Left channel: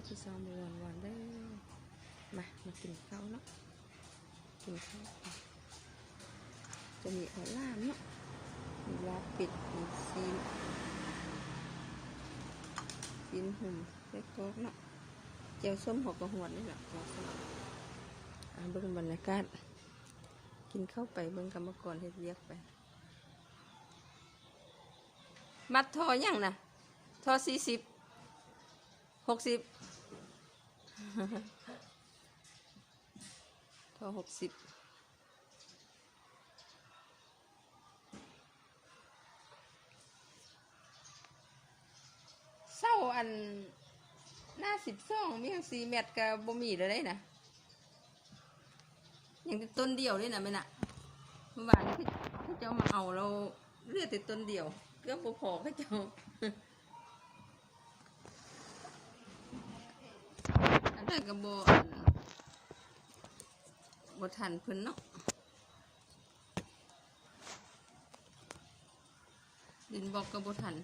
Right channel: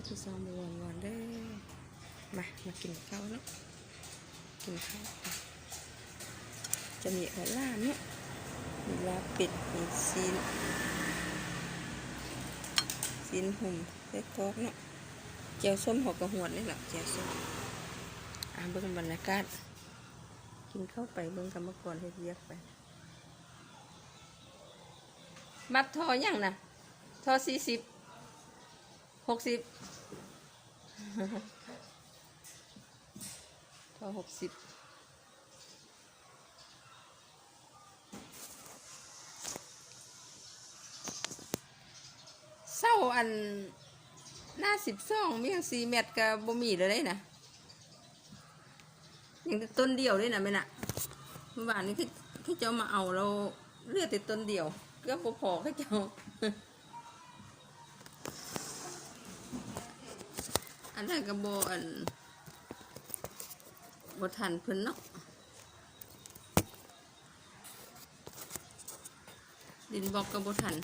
ก็จะซอมวนวนๆเด้อมา มากินข้าวเนาะ กินข้าวกันจะมีหัวล่าเนาะมีลาเป็ด มีซีนซีนหุ่มเล็กกอกเนาะเจียวส้มหัวกระหวดนี่แหละเจียวส้มอ่าเบิ่งบรรยากาศ กินข้าวไปเบิ่งกรรมกรเฮ็ดเรียกไปบัตรทออยังนะทอสี่สิบ หกสิบทอหกสิบเศร้าอันหน้าสิบสองมีอังสี่เม็ดกับบ่มีเลยได้นะยังต้นเดียวเลยนะไม่น่ะเมื่อวานนี้ที่ที่เจ้ามาเอาเราเลือดแต่ต้นเดียวก็พอพอๆให้เจ้า อันนั้นก็บอันบทันเพิ่นเนาะดินบอกกระบทัน